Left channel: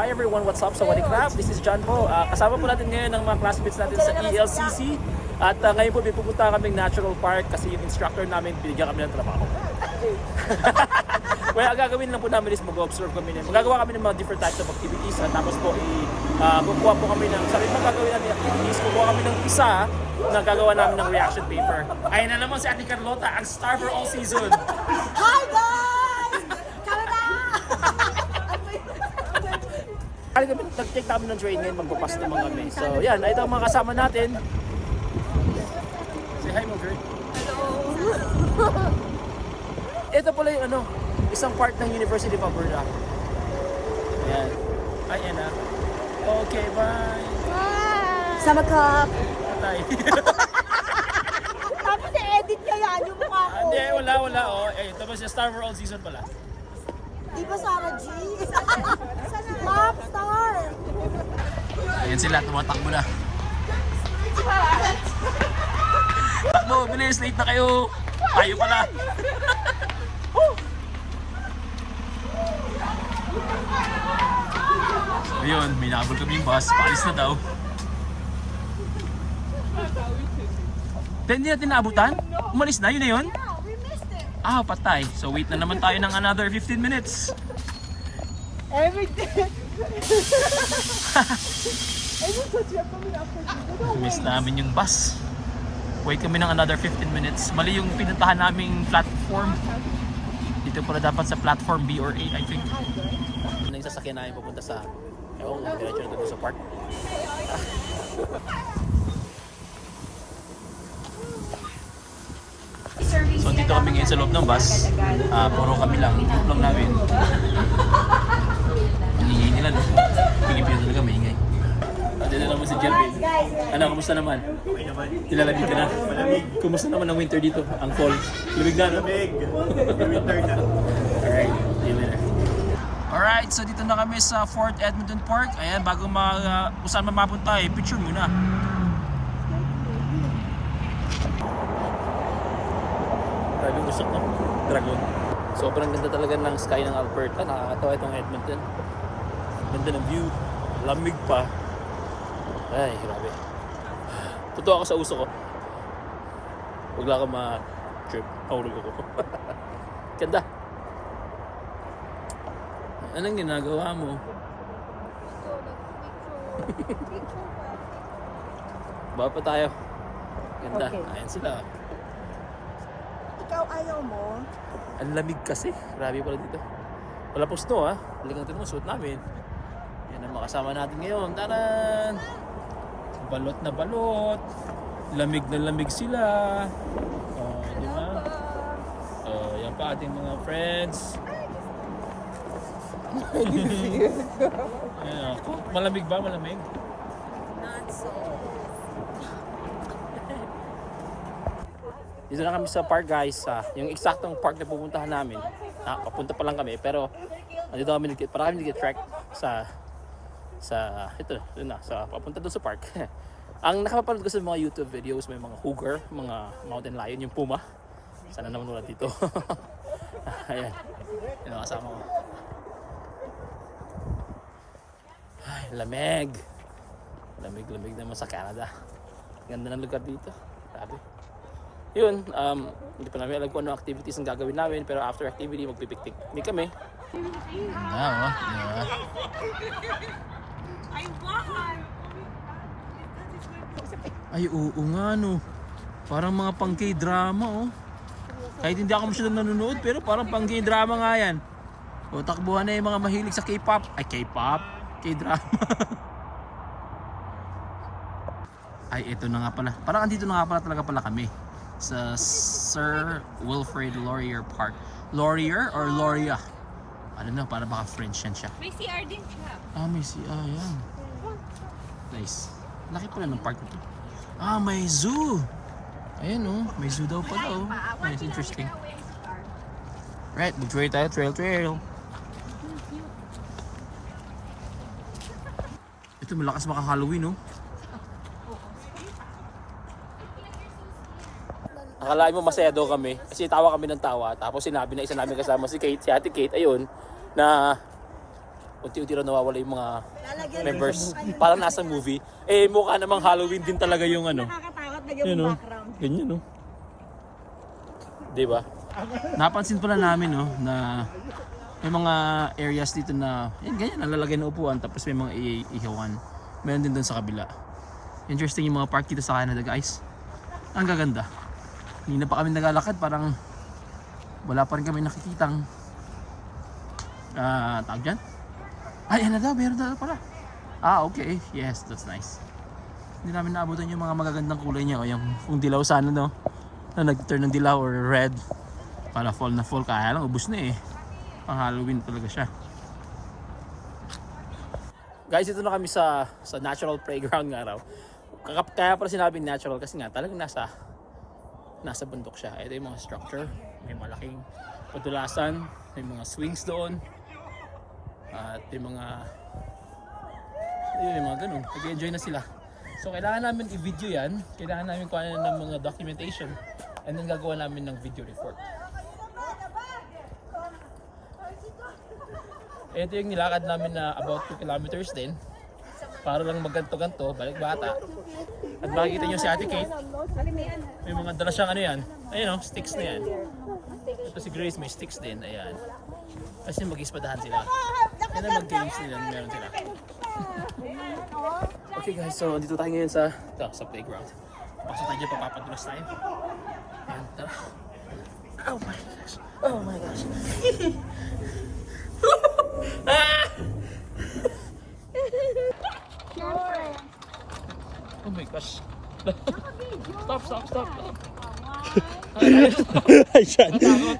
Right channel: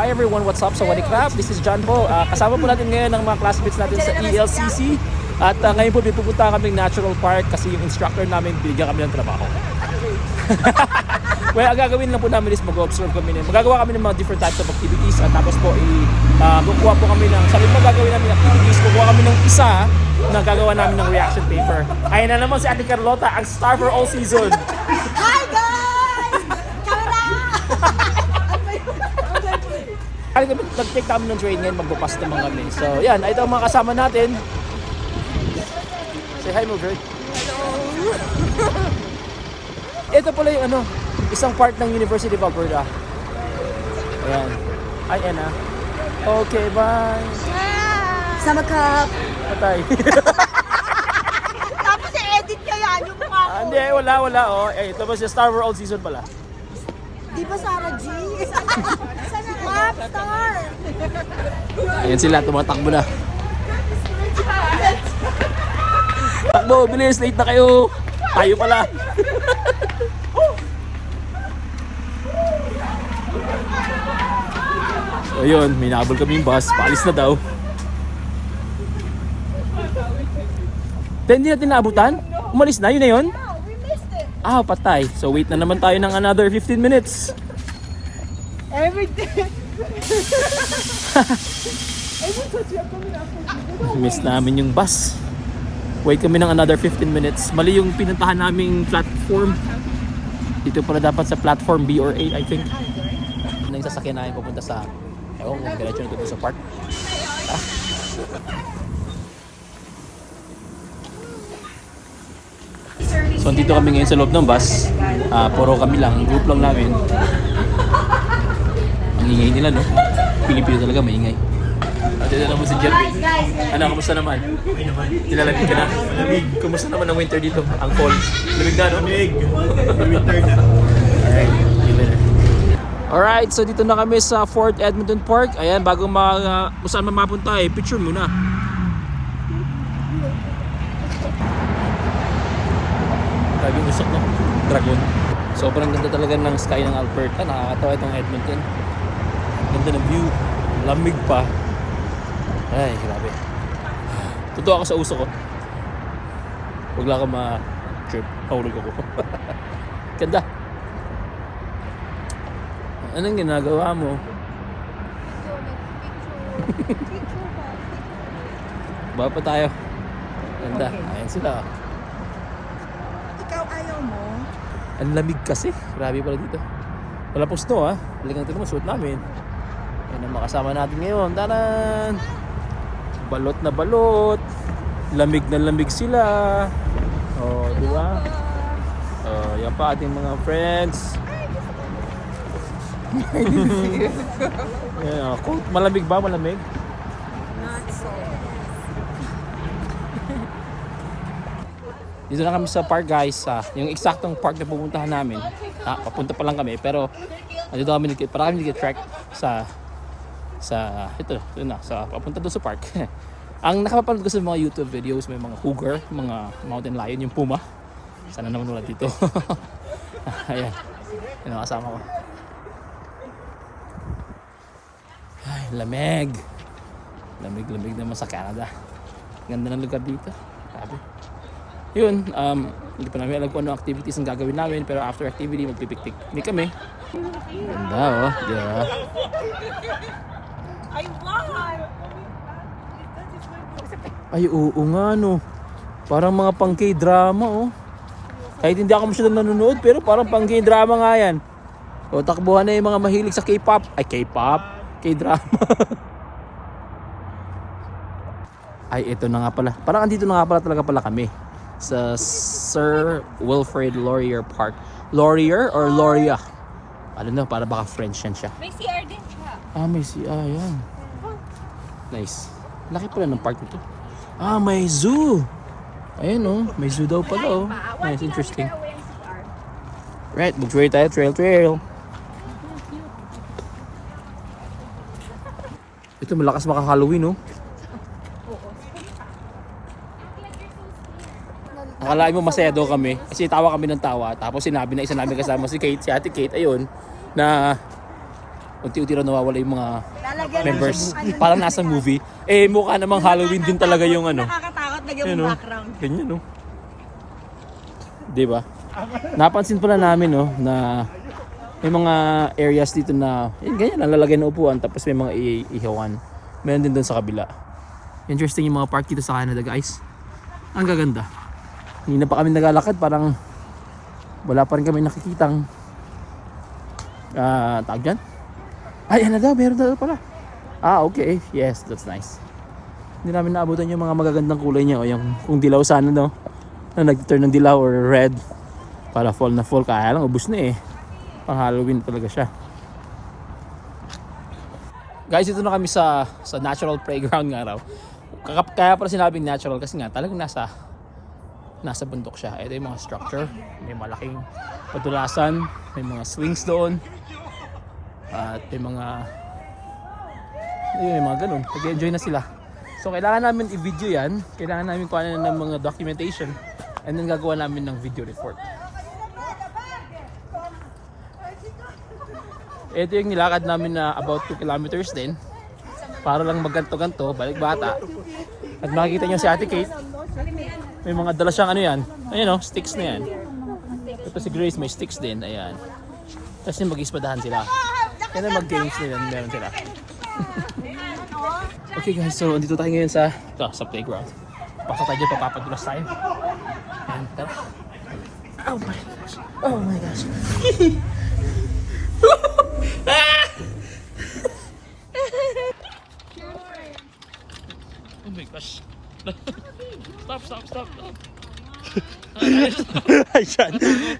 Hi everyone, what's up? Sawadee krap, this is John po. Kasama po natin ngayon ang mga classmates natin sa ELCC. At ngayon po, pupunta kami Natural Park kasi yung instructor namin binigyan kami ng trabaho. Well, ang gagawin lang po namin is mag-observe kami. Magagawa kami ng mga different types of activities. At tapos po, kukuha po kami ng, sabi pa gagawin natin activities, kukuha kami ng isa na gagawa namin ng reaction paper. Ayun na naman si Ate Carlota, ang star for all season. Hi guys! Kamera! Nag-take kami ng train ngayon, magpapas naman kami. So yan, ito ang mga kasama natin. Say hi mo, girl. Hello! Ito pala yung isang part ng University of Alberta. Ayan. Hi, Anna. Okay, bye. Sama ka! Patay. Tapos i-edit nyo yan yung mukha ko. Hindi, wala. Oh. Ito ba si Star for All Season pala? Di ba Sarah G? Map star! Ayan sila, tumatakbo na. Takbo, bilis, late na kayo. Tayo pala. Ayun, may nahabol kami yung bus. Paalis na daw. Hindi natin naabutan? Umalis na, yun na yun? No, we missed it. Patay. So wait na naman tayo ng another 15 minutes. Every day. Miss namin yung bus. Wait kami ng another 15 minutes. Mali yung pinuntahan naming platform. Dito pala dapat sa platform B or A, I think. Ano yung sasakyan namin pupunta sa diretso na sa park. So dito kami ngayon sa loob ng bus. Puro kami lang, group lang namin. Ang ingay nila, no? Pilipino talaga, maingay. Dito naman si Jervin. Kumusta naman? Okay naman. Nilalagay ka na. Malamig. Kumusta naman ang winter dito? Ang cold. Lamig na, no? Lamig. Winter na. Alright. Alright, so dito na kami sa Fort Edmonton Park. Ayan, bago kung saan mapunta picture muna. Grabe yung usok, no? Dragon. Sobrang ganda talaga ng sky ng Alberta. Nakakatawa itong Edmonton. Ganda ng view. Lamig pa. Ay, grabe. Totoo ako sa uso ko. Huwag lang ako ma-trip. Pahulog ako. Ganda. Anong ginagawa mo? Baba pa tayo. Ganda. Ayan sila. Ikaw ayaw mo? Ang lamig kasi. Grabe pala dito. Wala pong snow Talagang ito mo suot namin. Yan ang makasama natin ngayon. Tanan! Balot na balot. Lamig na lamig sila. Di ba? Yan pa ating mga friends. Malamig ba? Malamig? Not so. Dito na kami sa park guys. Yung eksaktong park na pupuntahan namin. Papunta pa lang kami pero dito kami nag-trek sa papunta doon sa park. Ang nakapapanood ko sa mga YouTube videos, may mga cougar, mga mountain lion, yung puma. Sana naman wala dito. Ayan. Yan ang kasama ko. Ay, lamig. Lamig naman sa Canada. Ganda ng lugar dito. Sabi. Yun, hindi pa namin alam kung ano activities ang gagawin namin, pero after activity, magpipiktik. Hindi kami. Ganda, diba? I want! Ay, oo nga, no. Parang mga pang K-drama, Kahit hindi ako masyadong nanonood, pero parang pang K-drama nga yan. O, takbuhan na yung mga mahilig sa K-pop. Ay, K-pop? K-drama. Ay, ito na nga pala. Parang andito na nga pala talaga kami. Sa Sir Wilfrid Laurier Park. Laurier or Lauria? Ano na, para baka French yan siya. May CR din siya. May CR, yan. Nice. Laki pala ng park nito. May zoo. Ayan, may zoo daw pala, Nice, interesting. Right, mag-trail tayo, trail. Ito, malakas maka-Halloween, Akalain mo masaya daw kami kasi tawa kami ng tawa. Tapos sinabi na isa namin kasama si Kate, si Ate Kate, ayun, na unti-unti na nawawala yung mga members. Parang nasa movie. Eh, mukha namang Halloween din talaga yung ano. Nakakatakot na yung background. Ganyan, no? Diba? Napansin pala namin, no, na may mga areas dito na, yun, ganyan, nalalagay na upuan, tapos may mga ihawan. Meron din doon sa kabila. Interesting yung mga park dito sa Canada, guys. Ang gaganda. Hindi na pa kami naglalakad, parang wala pa rin kami nakikitang tawag dyan? Ay, ano daw, meron daw pala. Okay. Yes, that's nice. Hindi namin naabutan yung mga magagandang kulay niya, o yung kung dilaw sana, no, na nag-turn ng dilaw or red para fall na fall. Kaya lang, ubus na eh. Pang Halloween talaga siya. Guys, ito na kami sa natural playground nga raw. Kaya pala sinabing natural kasi nga talagang nasa bundok siya. Ito yung mga structure, may malaking padulasan, may mga swings doon, at may mga ganun. Nag-enjoy na sila. So kailangan namin i-video yan, kailangan namin kuhanan ng mga documentation, and then gagawa namin ng video report. Ito yung nilakad namin na about 2 kilometers din, para lang magganto-ganto, balik bata. At makikita niyo si Ate Kate, may mga dala siyang ano yan, ayun o, sticks na yan. Ito si Grace may sticks din, ayan. Tapos yung mag-ispadahan sila. Yan ang mag-games nila, meron sila. Okay guys, so andito tayo ngayon sa playground. Pasok tayo dyan, papapadulas tayo. And tara. Oh my gosh. Oh my gosh. Oh my gosh. Stop.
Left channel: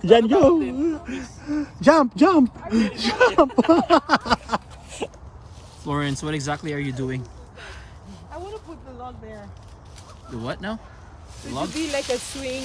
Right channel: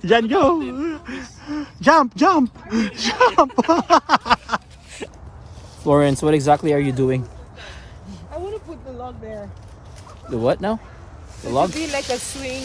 Jan, go. Jump. Florence, what exactly are you doing? I want to put the log there. The what now? The It log? should be like a swing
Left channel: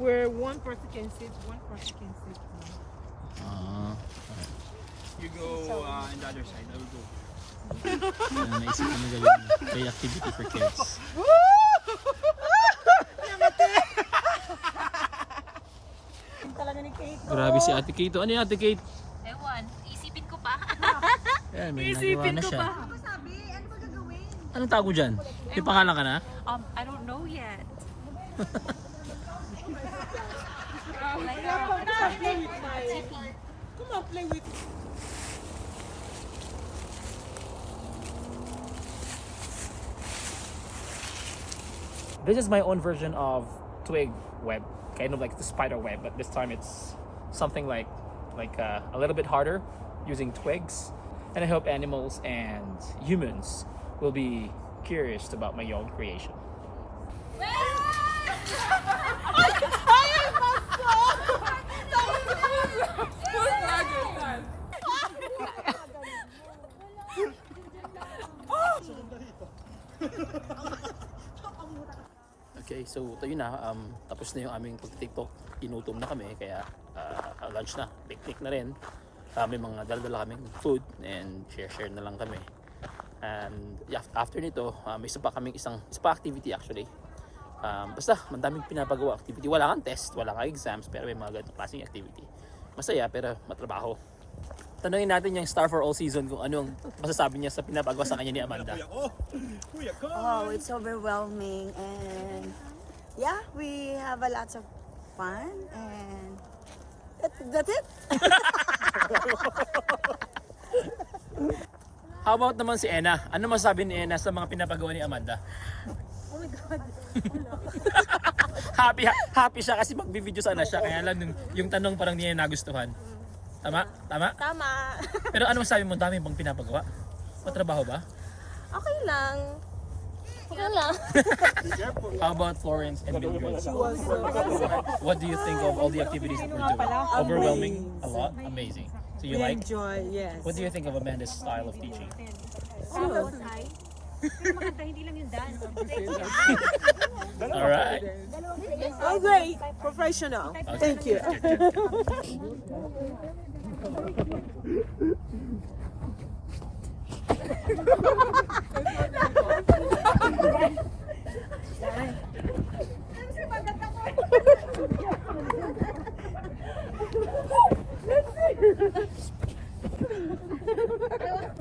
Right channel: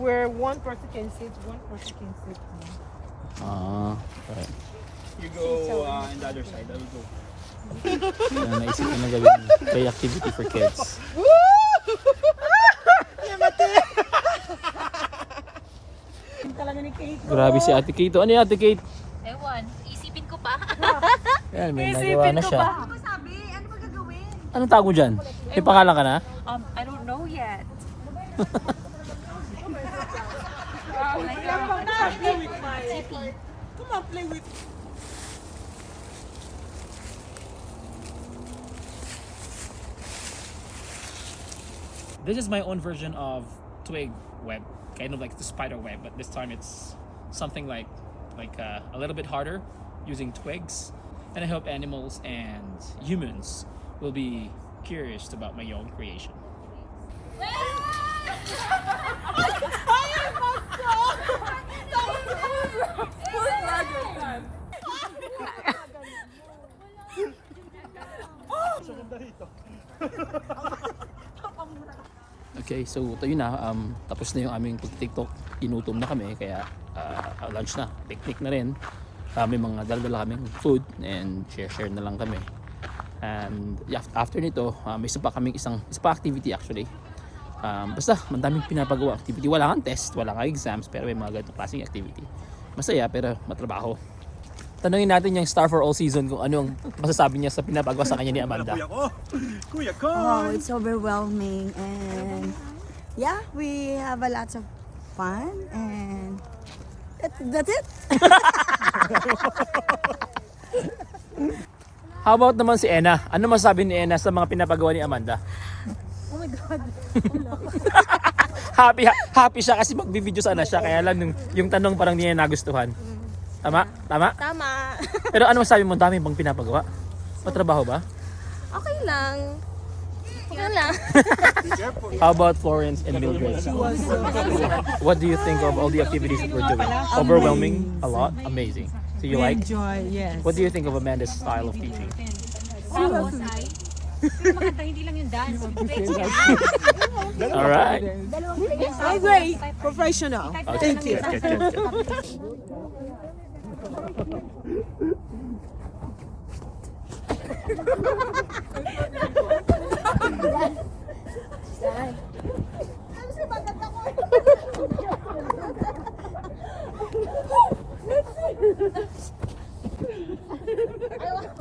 where one person can sit, one person can sit. Right. You go in the other side, I will go. Naisip ko na gawin play activity for kids. Talaga ni Kate. Grabe si Ate Kate. Ano yung Ate Kate? Ewan, isipin ko pa. Yan, may nagawa na siya. Ako sabi, ano ba gagawin? Anong tago dyan? May pangalan ka na? I don't know yet. This is my own version of twig web, kind of like the spider web, but this time it's something like a little bit harder, using twigs. And I hope animals and humans will be curious about my own creation. Okay, so tayo na, tapos na yung aming pag-tiktok, inutom na kami, kaya lunch na, picnic na rin. May mga dala-dala kaming food and share na lang kami. And after nito, may isa pa activity actually. Basta, madaming pinapagawa activity. Wala kang test, wala kang exams, pero may mga ganitong klaseng activity. Masaya, pero matrabaho. Tanungin natin yung Star for All Season kung anong masasabi niya sa pinapagawa sa kanya ni Amanda. Oh, it's overwhelming, and yeah, we have a lot of fun, and that's it. How about naman si Ena? Ano masasabi ni Ena sa mga pinapagawa ni Amanda? Oh my God. happy siya kasi magbi-video sana siya, kaya lang yung tanong parang niya nagustuhan. Tama? Tama. Pero ano masabi mo, dami bang pinapagawa? Matrabaho ba? Okay lang. How about Florence and Mildred? What do you think of all the activities that we're doing? Overwhelming? A lot? Amazing. So you like? Enjoy, yes. What do you think of Amanda's style of teaching? Maganda, hindi lang yung dance. Alright. Oh, great. Professional. Thank you.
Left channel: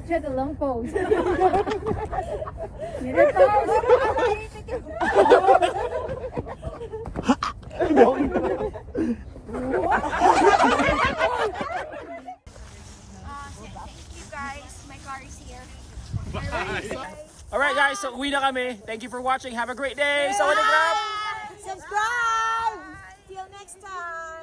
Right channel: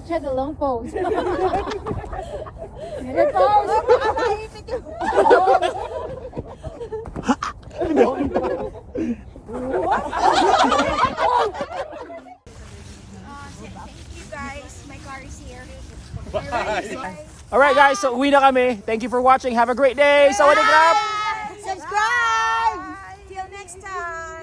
Check the long pose. Never pose. Alright guys, so uwi na kami. Thank you for watching. Have a great day. Sawadee krap! Subscribe! Till next time!